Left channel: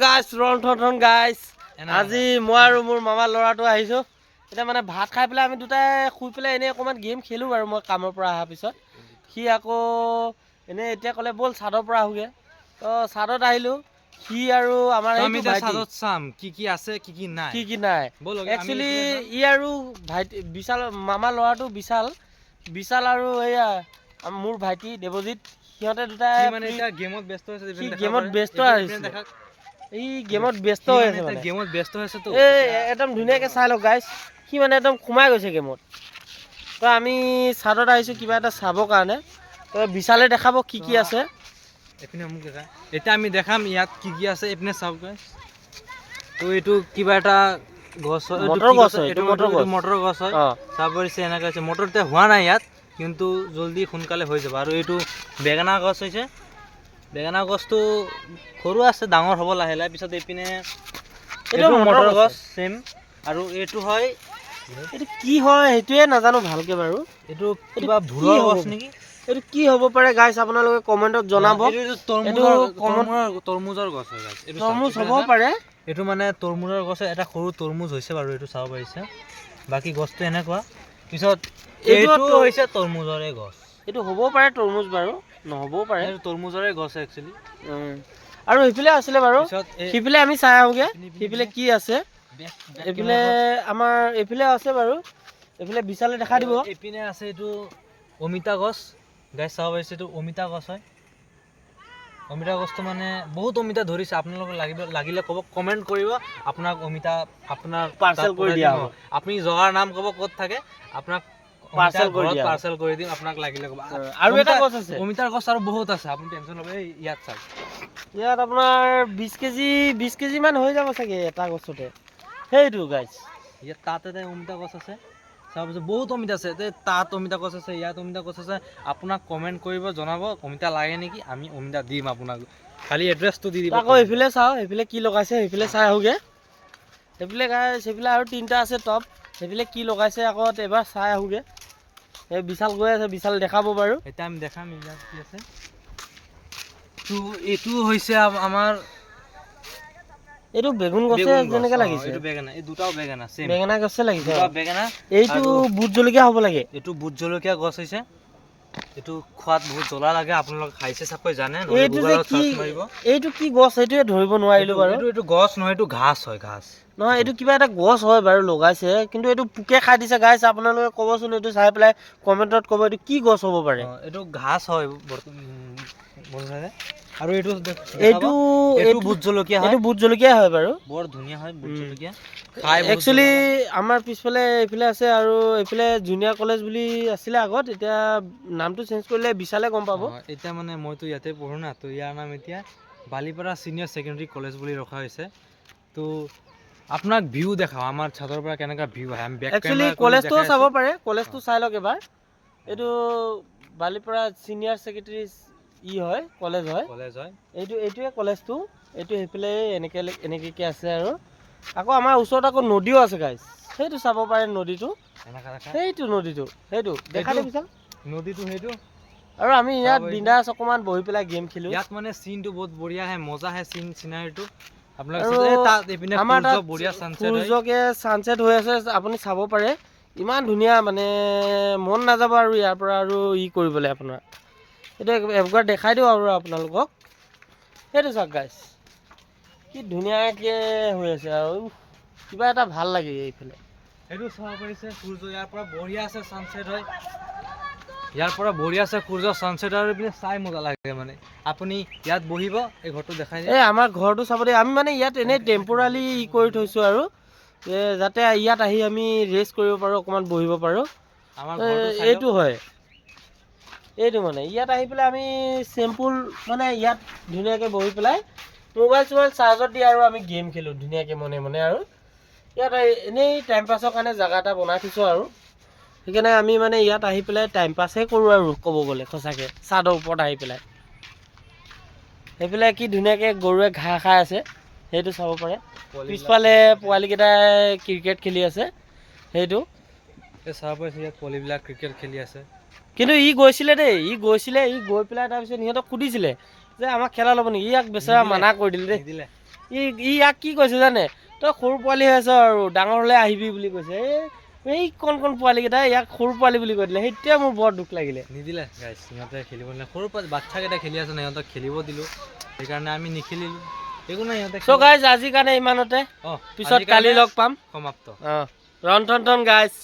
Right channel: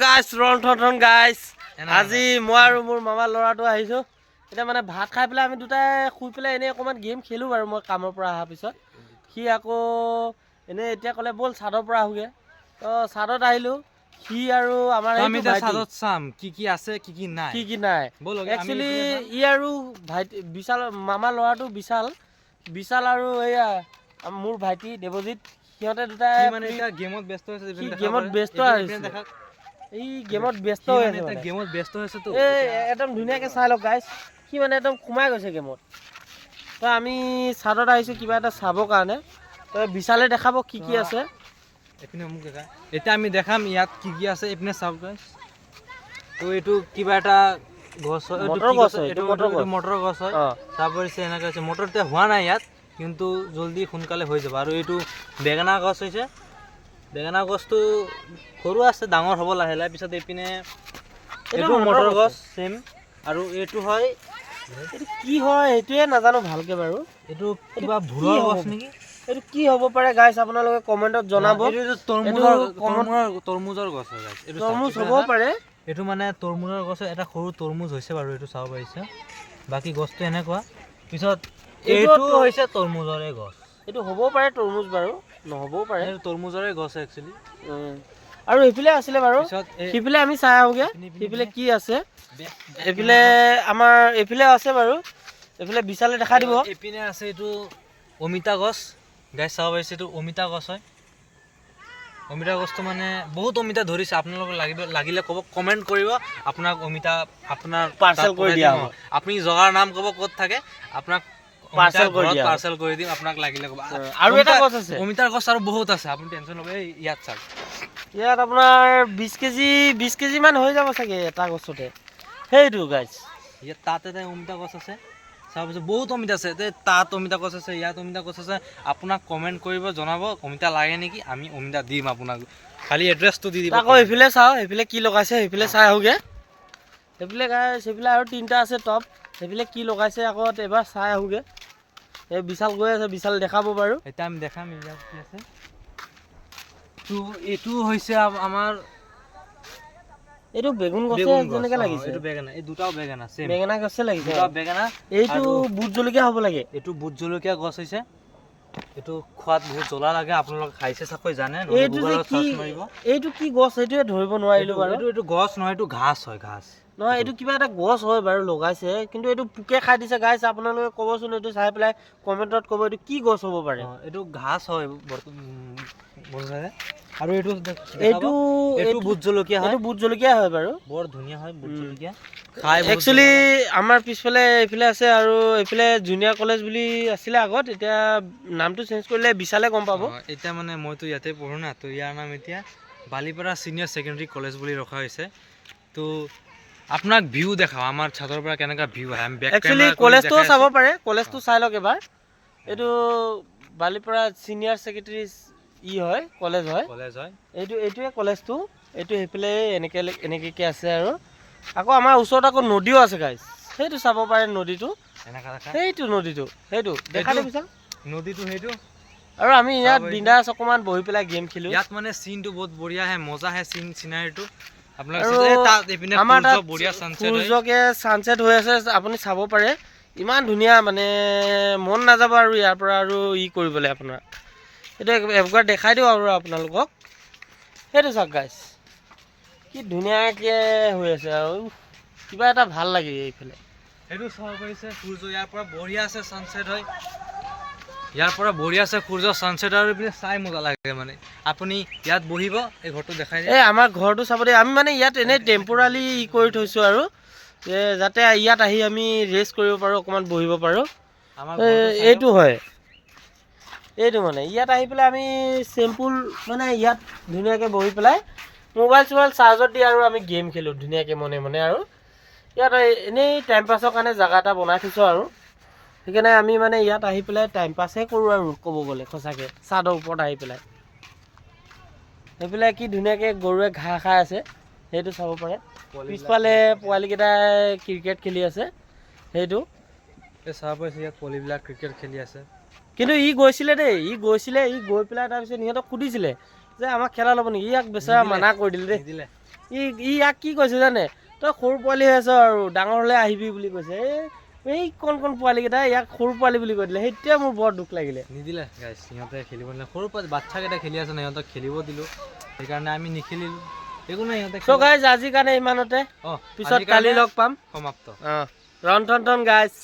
গাইছ ৰন্ধন গাইছ আজি মই আৰু মোৰ মামাৰ ল'ৰাটো আহিছোঁ এতিয়া মানে ভাত খাই পেলাই আমি দুটাই শুই পেলাই এনেই অকণমান গেম খেলোঁ বাৰু মই কামৰ পৰা অহাৰ পিছত সি আকৌ এনেই এতিয়া ক'লে ব'ল ছাদৰ পৰা আহোঁগৈ তো ছাদত আহিলোঁ সি আৰু আমাৰ এইটো ভাইটি চাম কি কি আছে কি কি নাই একচুৱেলি ই আৰু ভাইটি বিশাল মামাৰ ল'ৰাটো বিশাল আৰু এয়া মোৰ ভাইটি দেৱজিৎ সিহঁতে দুটাই মানে এতিয়া গেমত ব্যস্ত হৈছে এই গেমত ব্যস্ত হৈ আছে তো একদম ধুনীয়াকৈ চাই লওক গাইছ সি মানে একদম সোমাই গৈছে গেমত তো আমি ছাদত আহিছোঁ কিবা এটা চাবৰ কাৰণে তো বিশালে দেখাব কি কি আছে এইপিনে মোক দেখা এতিয়া আমি দেখাম ইয়াত কি কি আছে এইপিনে চাওক গাইছ তো এইটো কিবা এটা গছ হয় এইটো মটৰ গছ হয় তাৰপিছত এনেকৈ আছে মটৰ এতিয়া হোৱা নাই ইয়াত কিন্তু জলদি সোনকালে হৈ যাব আৰু এইটো বেঙেনা গছ হৈছে বেঙেনা গছটো সৰু আছে ডাঙৰ হ'ব লাহে লাহে পিছত এইপিনে এইটো মটৰ গছ চেম আৰু এইটো হয় এইটো কি হয় সেইটোৱে নাজানো ভালকৈ বাৰু এইটো কিবা ভোলৰ গছ নেকি এইটো কি হ'ব পাৰে গাইছ আপোনালোকে কমেণ্টত জনাব তৰমুজৰ গছ হয় গাইছ এইটো তৰমুজ হ'ব পাৰে এইটো মানে তৰমুজৰ গছ এটা সৰু তৰমুজ হৈছে বাৰু এইটো চাব পাৰিছে বাকী গছটো এনেকুৱা পিছত এইটো হৈছে তৰমুজৰে গছ এইটো হ'বও পাৰে তৰমুজ বাৰু নহ'বও পাৰে এইটো তৰমুজৰে গছ একচুৱেলি আৰু এইফালে আছিলে বাৰু সেইফালে আমি চাই আহোঁগৈ সেইফালে কি আছে এইফালে আমাৰ এইফালে আছে বাৰু এইফালে বিশালে দেখা দিব এইপিনে আছে এইটো অমিতা গছ গাইছ চাব পাৰিছে এইটো অমিতা গছ হয় অমিতা গছটো মানে বহুত অমিতা ধৰিছে আপোনালোকক লাগিলে ক'ব কমেণ্ট কৰিব আপোনাক অমিতা আপোনাৰ পাৰ্চেল কৰি দিয়া হ'ব আপুনি জগাৰ নাম ক'ব ক'ত থাকে আপোনাক পাৰ্চেল কৰি দিম আপোনাক লাগিলে ক'ব আৰু এটা গছ আছে অমিতাৰ গছ আৰু বহুত আছে আপুনি টেনশ্যন ল'ব ইয়াত চাওক ইয়াত আপোনাৰ 20 কেজি মান হৈ যাব চাগে এটা গছতে সেইটো গাইছ ইয়াত তাত এটা অমিতা গছ আছে তাৰপিছত বহুত অমিতা আছে তাত অমিতা গছ আছে ইয়াত অমিতা গছ আছে আপোনাক কমেণ্ট কৰিব জনাব অমিতা লাগে নেকি আমি অমিতা দিম আপোনাক খালি এড্ৰেছটো দি দিব আকৌ এইফালে চাওঁ সেইফালে কি লগাইছে সেইফালে চাই আহোঁগৈ সেইফালে গাইছ সেইফালে আৰু 3টা আছে টপ সেইফালে কি লগাইছে আকৌ এবাৰ চাই আহোঁগৈ এই বিশাল গৈ আছে বিশাল দেখাব বাৰু এতিয়া আমি দেখাম ইয়াত কি আছে তো এইটো হৈছে আমাৰ এইটো বেগুন গছে যেনেকৈ লাগিছে এইটো বেঙেনা এই দুটাও বেঙেনা চেম বেঙেনা গছে লাগিছে বেঙেনা এইটো ভোট জলকীয়া হ'ব লাগে এইটো ভোট জলকীয়া গছ হৈছে এইটো খোৱাত বহুত জ্বলা লাগে আপোনালোকে খাইছে চাকৈ জানে এইটো কি গছ সেইটোৱে ধৰিব নোৱাৰিলোঁ বাৰু এইটো গছ নহয় এইটো ঘাঁহ হয় ঘাঁহ নহয় এইটো কিবা এটা গছ হয় বাৰু লগাইছে কিন্তু এইটো পোকে খাই দিছে গাইছ আপোনালোকে ক'বচোন এইটো চাই পেলাই কমেণ্টত ক'ব এইটো কি গছ হ'ব পাৰে এইটো ঘাঁহ হয় আৰু এইটো ভোট জলকীয়া হয় এইটো ভোট জলকীয়া হয় বাৰু বৰ ধুনীয়া হয় ভোট জলকীয়া একচুৱেলি আমাৰ পিছফালে এইফালে আছে আৰু এইফালে জুনিয়ৰ কলেজ বুলি আছিলে আগত এতিয়া নামটো চেঞ্জ কৰিলে বিশালে গম পাব এতিয়া মানে মইতো ইয়াতে পঢ়োঁ না তো ইয়াৰ নাম এতিয়া বালিপাৰা ছিনিয়ৰ ছেকেণ্ডেৰী কলেজ বুলি ৰখা হৈছে তো আপোনাক ভিউ দেখাওঁ আমাৰ ছাদৰ পৰা কেনেকুৱা ভিউ আহে আমি একচুৱেলি কলেজটোও চাব পাৰে কলেজটো চাই লওক এবাৰ এইটো বালিপাৰা ছিনিয়ৰ ছেকেণ্ডেৰী হয় কলেজ হয় এইটোৱে কলেজটো এইটো সেইফালে এনেকৈ আছে আৰু আকৌ আমাৰ ওচৰত আকৌ নদীও আছে গাইছ সেইটো চাব পাৰে নদীটো সেইটো দেখা দেখিছা নদীটো সেইটো আৰু আমি ইয়াত বিন্দাছ অকণমান বহি পেলাই গেম খেলোঁ ইয়াত মানে চিনটো বহুত বঢ়িয়া আহে মজা আহে চিনাৰীটো আমাৰ তাত সূৰ্যকে ছানছেট হৈ আছে আপুনি চাব পাৰে ইমান ধুনীয়া মানে মন নাযাব আৰু ইয়াৰ পৰা আৰু কৰিবলৈ আপোনাৰ এইটো একবাৰ দেখাই দিওঁ আৰু আপোনালোকক সেইটো চাওক গাইছ কি ধুনীয়াকৈ হৈ আছে আৰু কিবা এটা ভাল লাগে এইফালে এইটো চাব পাৰিছে সূৰ্য ইয়াৰ পৰা বঢ়িয়া আছে ছানছেট হয় ইয়াৰ পৰা বঢ়িয়া আছে সূৰ্য ছানছেট আৰু এইপিনে চাই মজা লাগে মানে আপুনি ইয়াত বহিব এই ঘৰটো দেখাই দিয়ে আমাৰ ঘৰটো চাব দিয়ে আমি মানে ইয়াত এনেই টেম্পৰালি কৰি থৈছোঁ আৰু যাতে ইয়াত আহি আমি ৰেষ্ট কৰিব পাৰোঁ অকণমান বহিব পাৰোঁ এইটো হয় এইটো মানে ইয়াত আহি পেলাই আমি চিম্পুল মানে ইয়াত ধুনীয়াকৈ বহি পেলাই মোবাইল চোবাইল চাৰ্জত দি আৰু আমি গেম খেলোঁ ধুনীয়াকৈ মনে আৰু ইয়াত এনেই টাইম পাছৰ কাৰণে জেগা এটা বনাই থৈছোঁ আৰু সেইকাৰণে আমি মানে ইয়াত আহি পেলাই টাইম পাছহে কৰোঁ আৰু ক'ব গ'লে সঁচাকৈ ছাদৰ ওপৰত আহি পেলাই সেইফালে কি ধুনীয়াকৈ গৰুৱে ঘাঁহ খাই আছে সেইটো চাব পাৰে পিছফালে পোৱালীকেইটাই ক্ৰিকেট খেলি আছে সেইটো চাব পাৰিছে ইয়াত পোৱালীবিলাক ক্ৰিকেট খেলি আছে কিন্তু ই গৈছিলে দেই ই গৈ পেলাই তাৰপিছত সিহঁতক সুধিছিলে যে আমাক খেলা ল'ব নেকি ইয়াক বেচেৰা মানা কৰি দিলে দেই ইয়াক কি কৈছে জানে তই সৰু পোৱালি হৈ আছ আৰু ডাঙৰ হ'লে আহিবি বুলি কৈছে এই কণ পোৱালিকেইটা ইয়াক সৰু পোৱালি বুলি কৈ দিলে সেইটোৱে মোৰ বৰ দুখ লাগিলে নিদিলে গাইছ সিহঁতে খেলিব নিদিলে সৰু বাচ্চাকেইটা খেলি আছে ন সিহঁতক খেলিব দিলোঁ সেইকাৰণে আমি নিখেলিলোঁ একো নাই সিহঁতে চ' গাইজ আজিৰ কাৰণে ইমানতে পিছত কালি লগ পাম সমাপ্ত ৰন্ধন গাইজ